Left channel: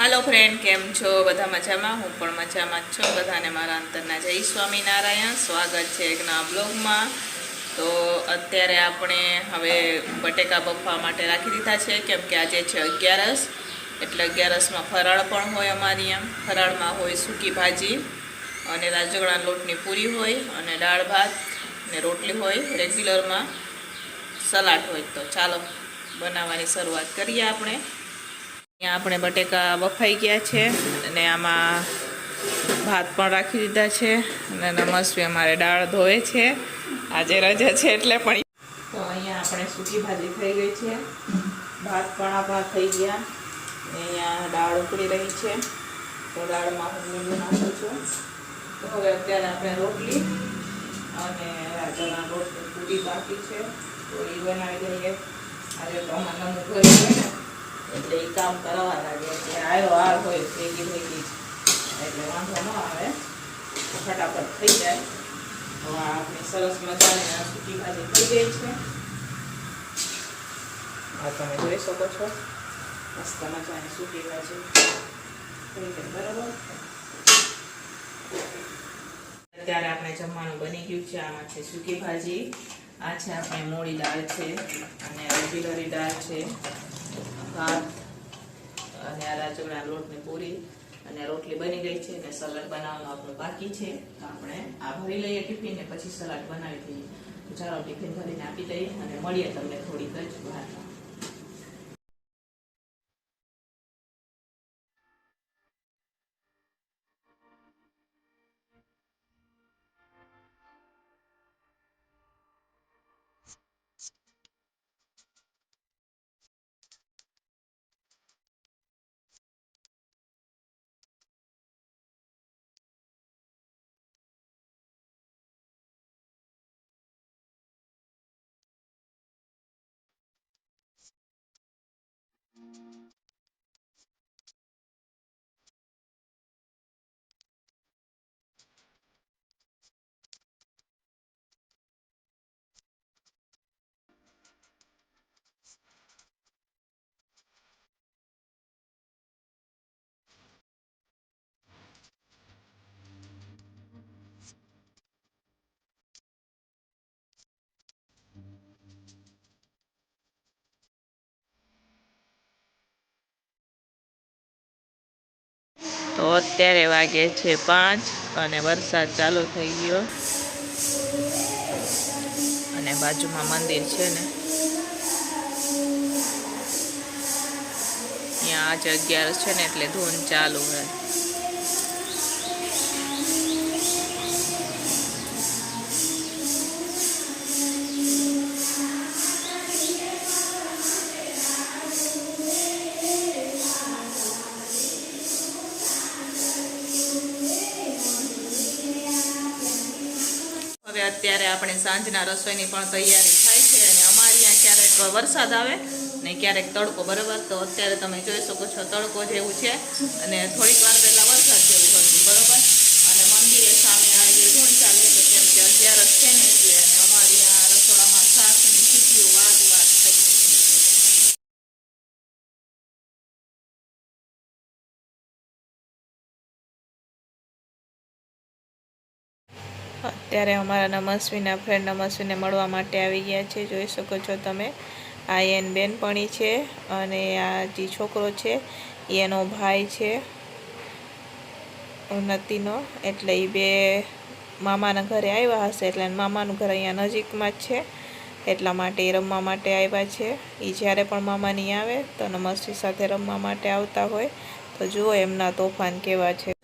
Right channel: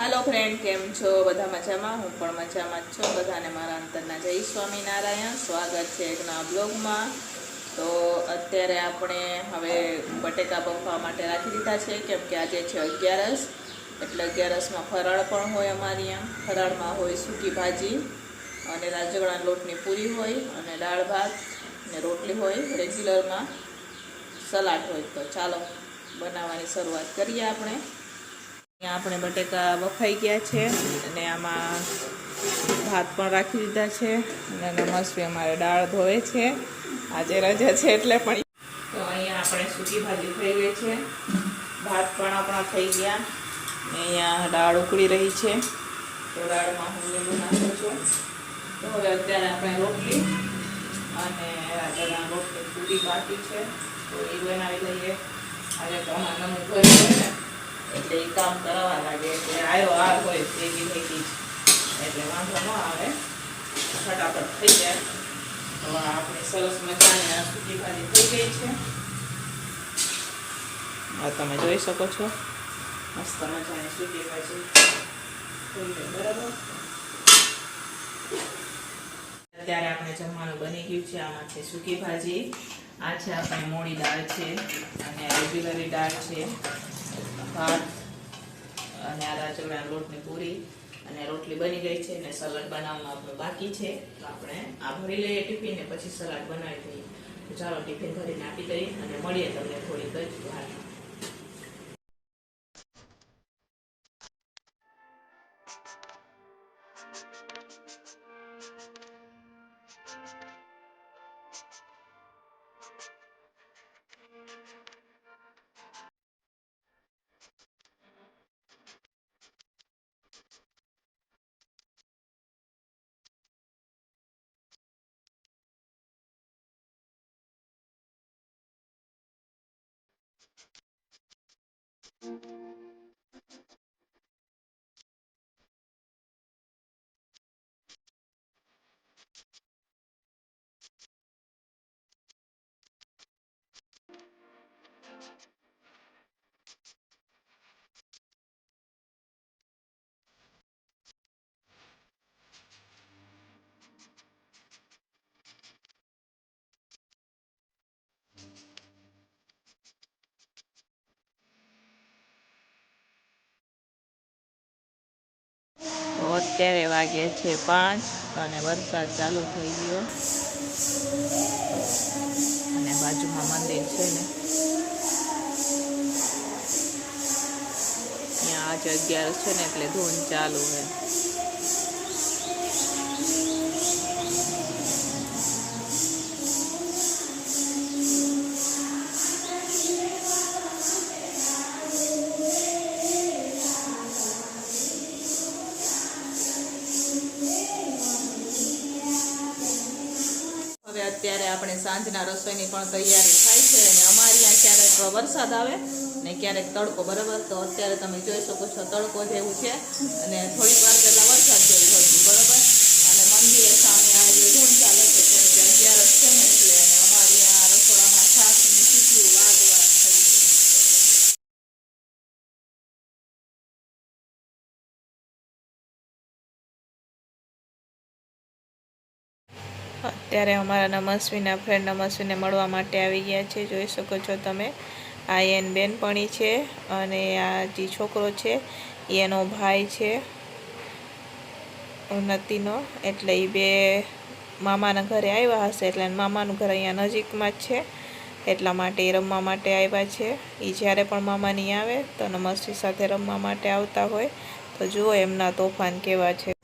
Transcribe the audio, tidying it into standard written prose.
Hello friend, केम छो? बधा मजामां? हूँ पण मजामां ज छुं। बधाने मारा अंतरना जय स्वामीनारायण। स्वागत है एक नवा ब्लॉग में। तो अत्यारे आपणे हवे बटेका बफवा माटे राखी दीधा छे, केम के आजे छे 11 एटले 11 में फराळ पण होय। अमारी आम फराळ में होय सूकी भाजी अने રાજગણા લોટની પૂરી होय अने दाळ भात ने रोटली होय। रेग्युलर में सलाड होय। तो चालो बनाववानी शरूआत करीए। आपणे अहींया आपणे बटेका बफाई गया है अने आमां भात पण राखी दीधा है अने नमस्वी अमारे दाळ धोए छे। आजे रजा है एटले पण तो अहींया आपणे सूकी भाजी थई गई है, भात पण आपणा थई गया। अहींया दाळ उकળી रही है, तो दाळमां हुं लींबू नाखું છું। तो हवे अत्यारे आपणे रोटली अने રાજગણા લોટની પૂરી બાકી है, तो ए बनावी लईए। આજે તો અમારા મમ્મી ઘરે છે ને એટલે એ કામ કરવા લાગે એટલે આવ્યો આ હોય ભેગી ભેગી એટલે વાંધો ન આવે, ફટાફટ થઈ જાય। તો આપણી સરસ મજાની આ સૂકી ભાજી થઈ ગઈ છે। આ તમે જોઈ શકો છો, મસ્ત મજાની સૂકી ભાજી થઈ ગઈ। બરાબર, અત્યારે આપણે જમવાનું બની ગયું છે। આમાં છે સૂકી ભાજી, આ છે આપણે મોળી દાળ છે અને રેગ્યુલરી દાળ છે, ભાત અને આ રાજગણા લોટની પૂરી અને રોટલી બની ગઈ છે અને સલાડ બનાવવાનું આપણું બાકી છે। આપણે આ ભરી લઈએ ટિફિન ને પછી સલાડ બનાવી દઈએ। તો ચાલો ટિફિન ભરીને આપી દઈએ અને મળીએ તમને થોડીક જ વારમાં। તો અત્યારે વાગે છે 5 અને વરસાદ ચાલુ થઈ ગયો અને બાજુમાં મંદિર છે ને ત્યાં આજ 11 છે ને એટલે ધૂન ચાલુ છે। હવે અત્યારે આપણે સાંજના રસોઈની પણ તૈયારી થાય છે અને અમારી ત્યાં ક્યારેક વરસાદ આવે ને ક્યારેક તડકો। બરાબર, તો અત્યારે તમે જોઈ શકો છો તડકો જેવું છે અને થોડીક વાર પહેલાં વરસાદ જેવું હતું। બરાબર, અને મંદિરે સામે આજે ધૂન ચાલે છે કેમ કે 11 છે ને એટલે અને અમારી ત્યાં રસોડામાં શાકની સીટીઓ વાગ થઈ ગઈ। અત્યારે અમારા નમસ્વીના ફ્રેન્ડ નમસ્વીને મળવા માટે આવી ગયા છે। જોઈ શકો છો તમે, આ એન બેનપણી છે અને આ જે છોકરો છે એનો ભાઈ છે ઉન્નતિનો, એટલે એ બે મામાના ઘરે આવ્યા હશે એટલે મામાનું ઘર અહીંયા નજીકમાં જ છે એટલા માટે એ રમવા માટે આવ્યા છે। એ જ્યારે પણ મામાની આવે તો નમસ્વી સાથે રમવા માટે આવતા હોય। તો જુઓ એમના તોફાન કેવા છે।